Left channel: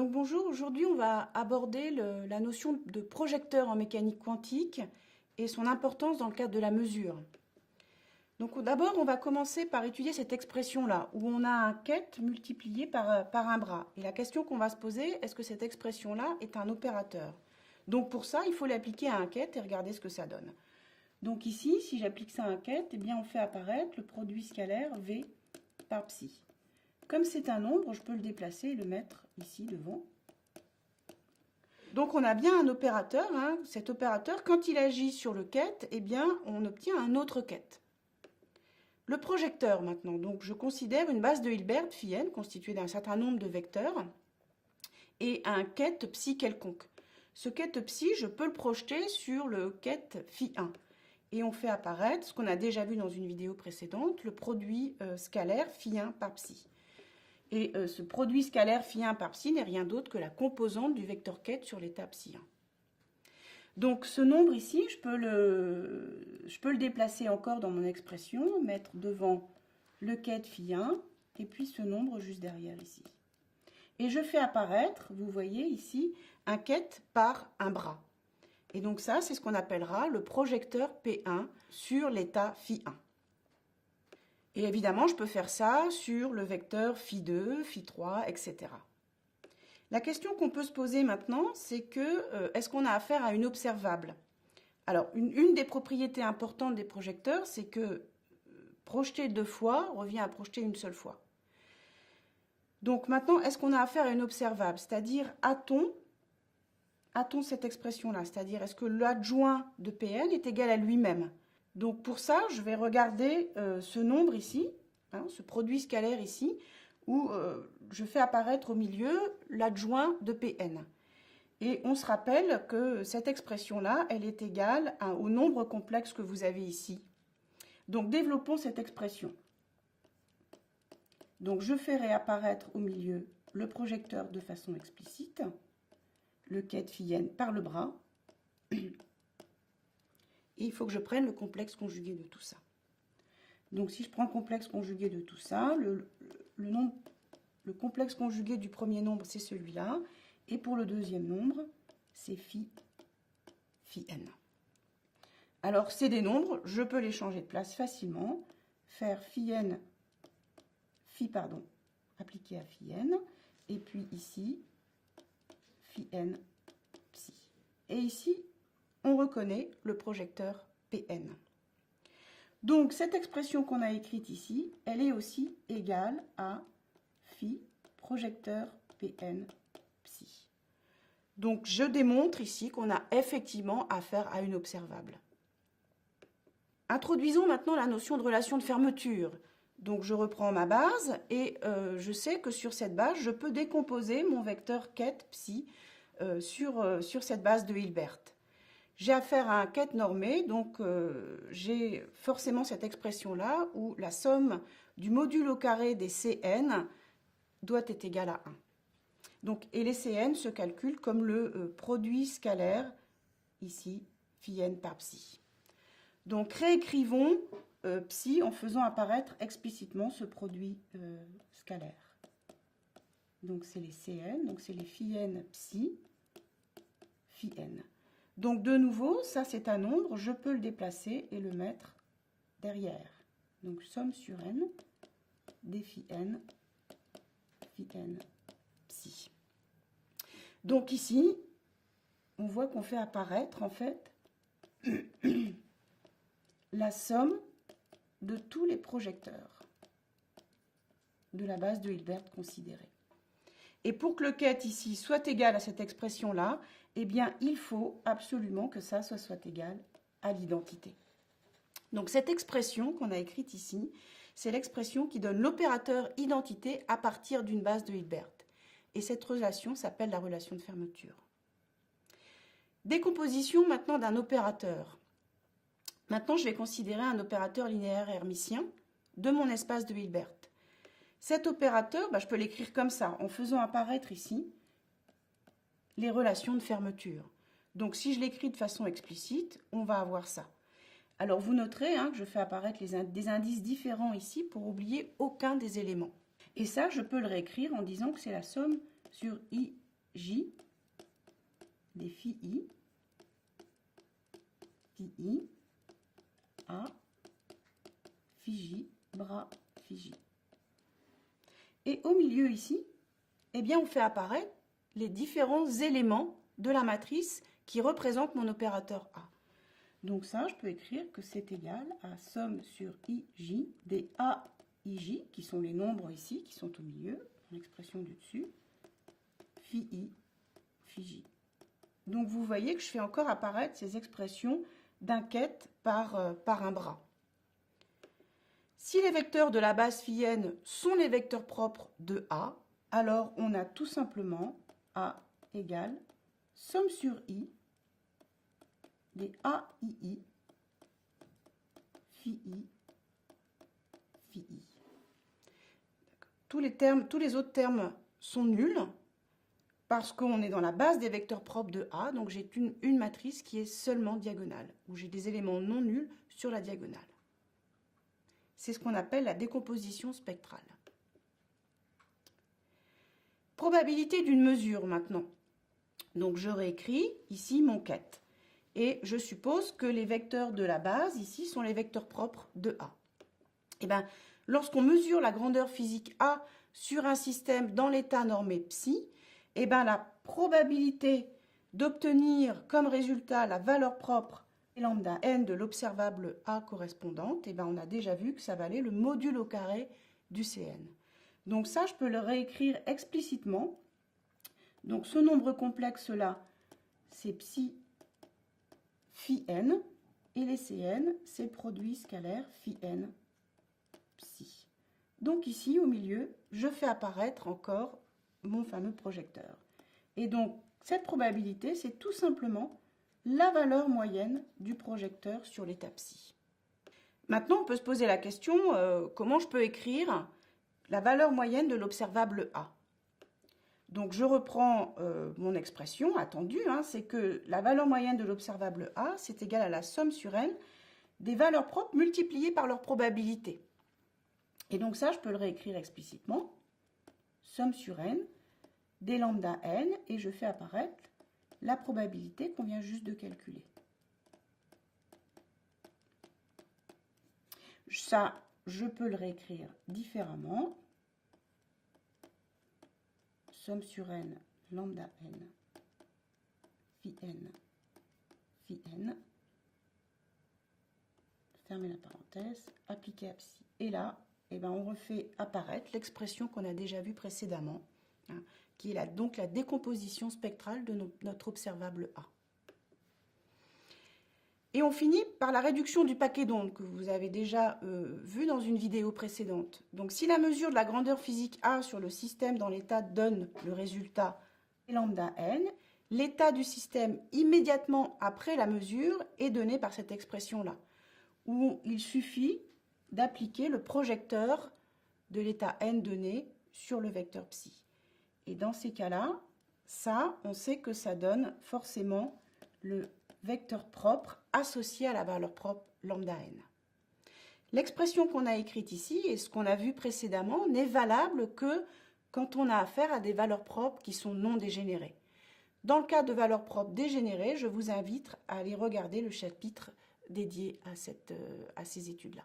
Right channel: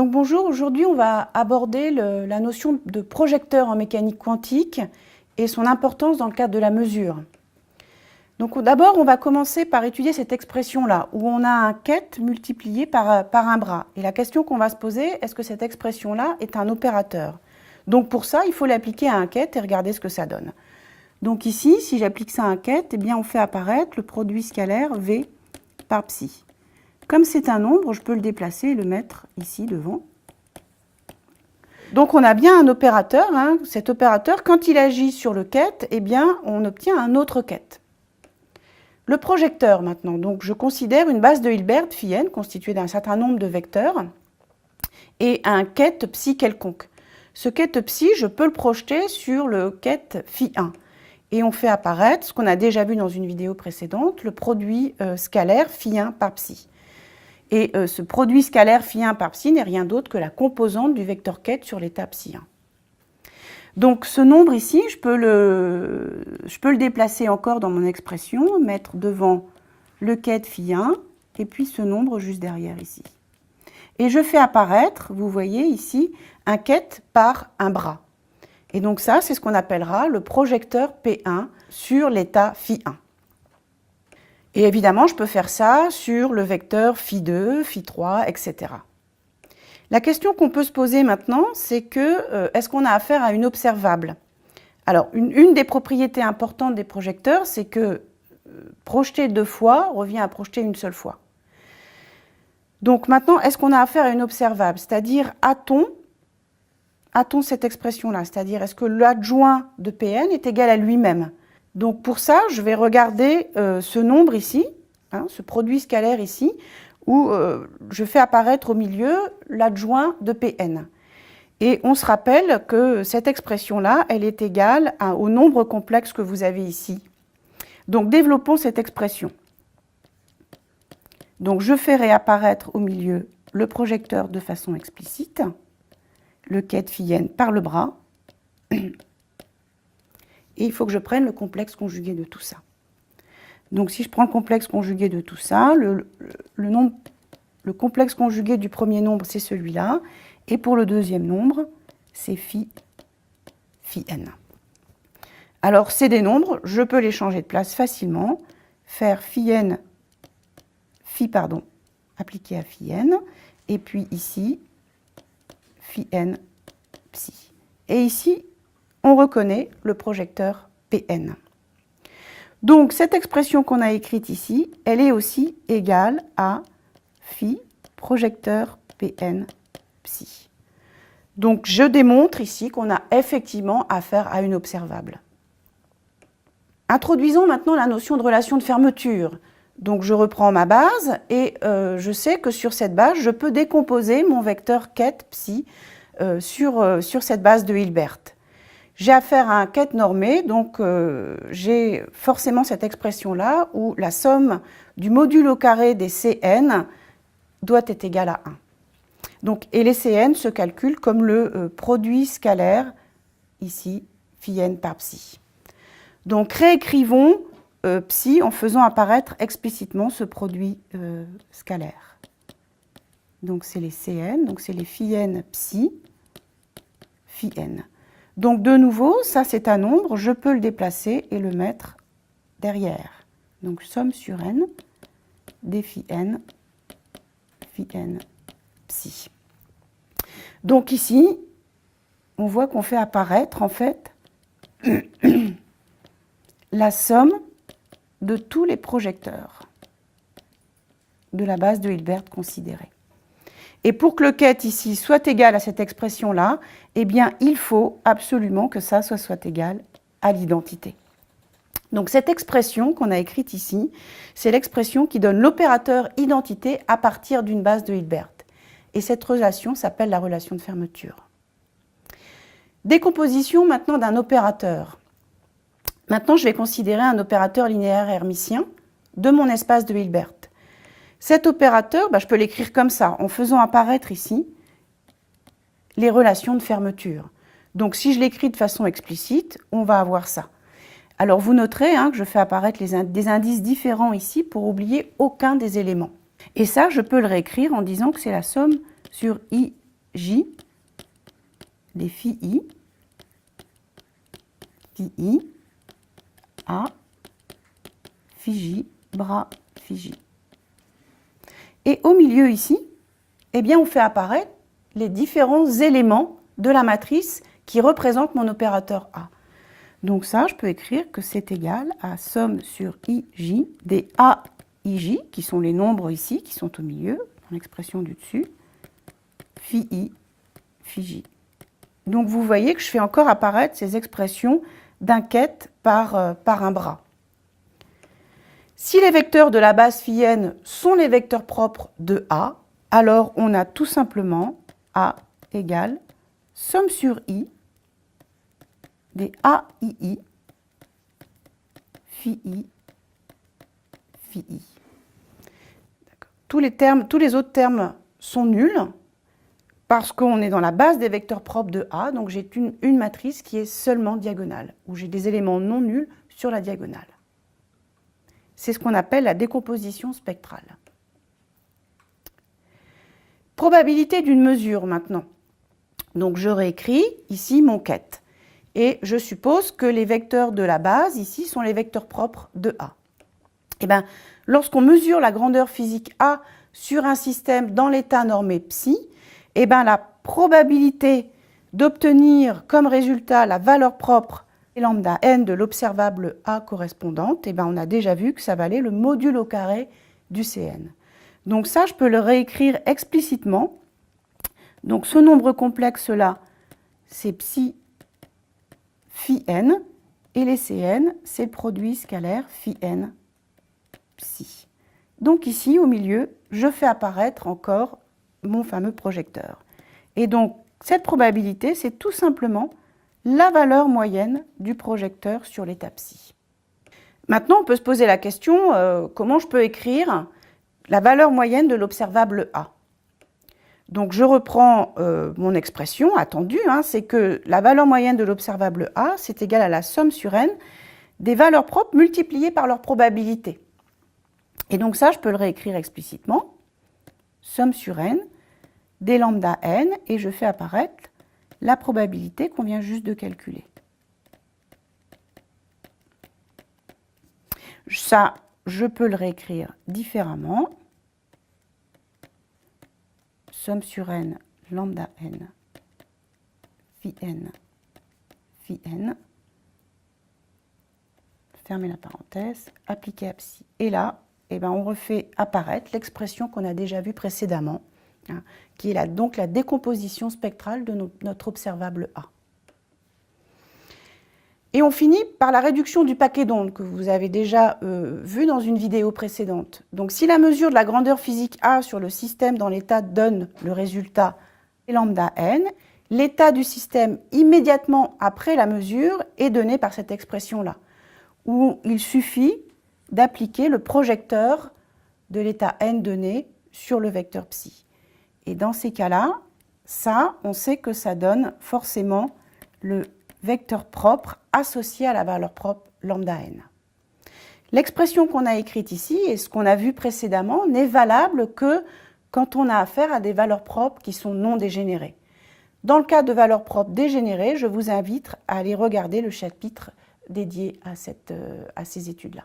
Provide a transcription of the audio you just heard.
Donc bonjour, aujourd'hui on va aborder la notion de projecteur en mécanique quantique et son importance dans le cadre de la mesure. Donc d'abord on va commencer par étudier cette expression-là, où on a un ket multiplié par un bras. Et la question qu'on va se poser, est-ce que cette expression-là est un opérateur? Donc pour ça, il faut l'appliquer à un ket et regarder ce que ça donne. Donc ici, si j'applique ça à un ket, eh bien on fait apparaître le produit scalaire V par psi. Comme c'est un nombre, je peux le déplacer et le mettre ici devant. Donc on a bien un opérateur. Cet opérateur, quand il agit sur le ket, eh bien on obtient un autre ket. Le projecteur maintenant, donc je considère une base de Hilbert phi n constituée d'un certain nombre de vecteurs et un ket psi quelconque. Ce ket psi, je peux le projeter sur le ket phi 1. Et on fait apparaître, ce qu'on a déjà vu dans une vidéo précédente, le produit scalaire phi 1 par psi. Et ce produit scalaire phi 1 par psi n'est rien d'autre que la composante du vecteur ket sur l'état psi 1. Donc ce nombre ici, je peux le déplacer encore dans mon expression, mettre devant le ket phi 1 et puis ce nombre juste derrière ici. Et je fais apparaître, vous voyez ici, un ket par un bras. Et donc ça, c'est ce qu'on appellera le projecteur P1 sur l'état phi 1. Et évidemment, je peux faire ça sur le vecteur phi 2, phi 3, etc. La question qu'on peut se poser maintenant, c'est que est-ce qu'on a affaire à une observable? Alors, une des propriétés importantes des projecteurs, c'est que projeter deux fois revient à projeter une seule fois. Donc maintenant, est-ce qu'on a affaire à une observable? C'est-à-dire, a-t-on cette expression-là? C'est-à-dire, est-ce que l'adjoint de Pn est égal à lui-même? Donc pour ça, je vais regarder ce nombre ici, ce produit scalaire ici, où je fais apparaître au milieu l'adjoint de Pn. Et on se rappelle que cette expression-là, elle est égale au nombre complexe que vous avez ici. Donc développons cette expression. Donc je fais réapparaître au milieu le projecteur de façon explicite, le ket phi n par le bras. Et il faut que je prenne le complexe conjugué de tout ça. Donc si je prends le complexe conjugué de tout ça, le complexe conjugué du premier nombre, c'est celui-là. Et pour le deuxième nombre, c'est phi n. Alors c'est des nombres, je peux les changer de place facilement. Faire appliqué à phi n. Et puis ici, phi n psi. Et ici, on reconnaît le projecteur Pn. Donc cette expression qu'on a écrite ici, elle est aussi égale à phi projecteur Pn psi. Donc je démontre ici qu'on a effectivement affaire à une observable. Introduisons maintenant la notion de relation de fermeture. Donc je reprends ma base et je sais que sur cette base, je peux décomposer mon vecteur ket psi sur cette base de Hilbert. J'ai affaire à un ket normé, donc j'ai forcément cette expression-là où la somme du module au carré des Cn doit être égale à 1. Donc, et les Cn se calculent comme le produit scalaire, ici, phi n par psi. Donc réécrivons psi en faisant apparaître explicitement ce produit scalaire. Donc c'est les Cn, donc c'est les phi n psi, phi n. Donc de nouveau, ça c'est un nombre, je peux le déplacer et le mettre derrière. Donc somme sur n des phi n psi. Donc ici, on voit qu'on fait apparaître en fait la somme de tous les projecteurs de la base de Hilbert considérée. Et pour que le ket ici soit égal à cette expression-là, eh bien, il faut absolument que ça soit égal à l'identité. Donc cette expression qu'on a écrite ici, c'est l'expression qui donne l'opérateur identité à partir d'une base de Hilbert. Et cette relation s'appelle la relation de fermeture. Décomposition maintenant d'un opérateur. Maintenant, je vais considérer un opérateur linéaire hermitien de mon espace de Hilbert. Cet opérateur, je peux l'écrire comme ça, en faisant apparaître ici les relations de fermeture. Donc si je l'écris de façon explicite, on va avoir ça. Alors vous noterez que je fais apparaître des indices différents ici pour oublier aucun des éléments. Et ça, je peux le réécrire en disant que c'est la somme sur I J, les phi I, A, phi J, bras, phi J. Et au milieu ici, eh bien, on fait apparaître les différents éléments de la matrice qui représentent mon opérateur A. Donc ça, je peux écrire que c'est égal à somme sur IJ des AIJ, qui sont les nombres ici, qui sont au milieu, dans l'expression du dessus, phi I, phi J. Donc vous voyez que je fais encore apparaître ces expressions d'un quête par un bras. Si les vecteurs de la base phi n sont les vecteurs propres de A, alors on a tout simplement A égale somme sur I des AII, phi I, phi I. Tous les autres termes sont nuls parce qu'on est dans la base des vecteurs propres de A, donc j'ai une matrice qui est seulement diagonale, où j'ai des éléments non nuls sur la diagonale. C'est ce qu'on appelle la décomposition spectrale. Probabilité d'une mesure maintenant. Donc je réécris ici mon quête. Et je suppose que les vecteurs de la base ici sont les vecteurs propres de A. Et bien, lorsqu'on mesure la grandeur physique A sur un système dans l'état normé psi, et bien la probabilité d'obtenir comme résultat la valeur propre lambda n de l'observable A correspondante, et bien on a déjà vu que ça valait le module au carré du Cn. Donc ça, je peux le réécrire explicitement. Donc ce nombre complexe-là, c'est psi phi n, et les Cn, c'est le produit scalaire phi n psi. Donc ici, au milieu, je fais apparaître encore mon fameux projecteur. Et donc, cette probabilité, c'est tout simplement la valeur moyenne du projecteur sur l'état psi. Maintenant, on peut se poser la question, comment je peux écrire la valeur moyenne de l'observable A? Donc, je reprends mon expression attendue, c'est que la valeur moyenne de l'observable A, c'est égal à la somme sur n des valeurs propres multipliées par leur probabilité. Et donc ça, je peux le réécrire explicitement, somme sur n des lambda n, et je fais apparaître la probabilité qu'on vient juste de calculer. Ça, je peux le réécrire différemment. Somme sur n, lambda n, phi n, fermez la parenthèse, appliquer à psi. Et là, on refait apparaître l'expression qu'on a déjà vue précédemment, qui est donc la décomposition spectrale de notre observable A. Et on finit par la réduction du paquet d'ondes que vous avez déjà vu dans une vidéo précédente. Donc si la mesure de la grandeur physique A sur le système dans l'état donne le résultat lambda n, l'état du système immédiatement après la mesure est donné par cette expression-là, où il suffit d'appliquer le projecteur de l'état n donné sur le vecteur psi. Et dans ces cas-là, ça, on sait que ça donne forcément le vecteur propre associé à la valeur propre lambda n. L'expression qu'on a écrite ici et ce qu'on a vu précédemment n'est valable que quand on a affaire à des valeurs propres qui sont non dégénérées. Dans le cas de valeurs propres dégénérées, je vous invite à aller regarder le chapitre dédié à ces études-là.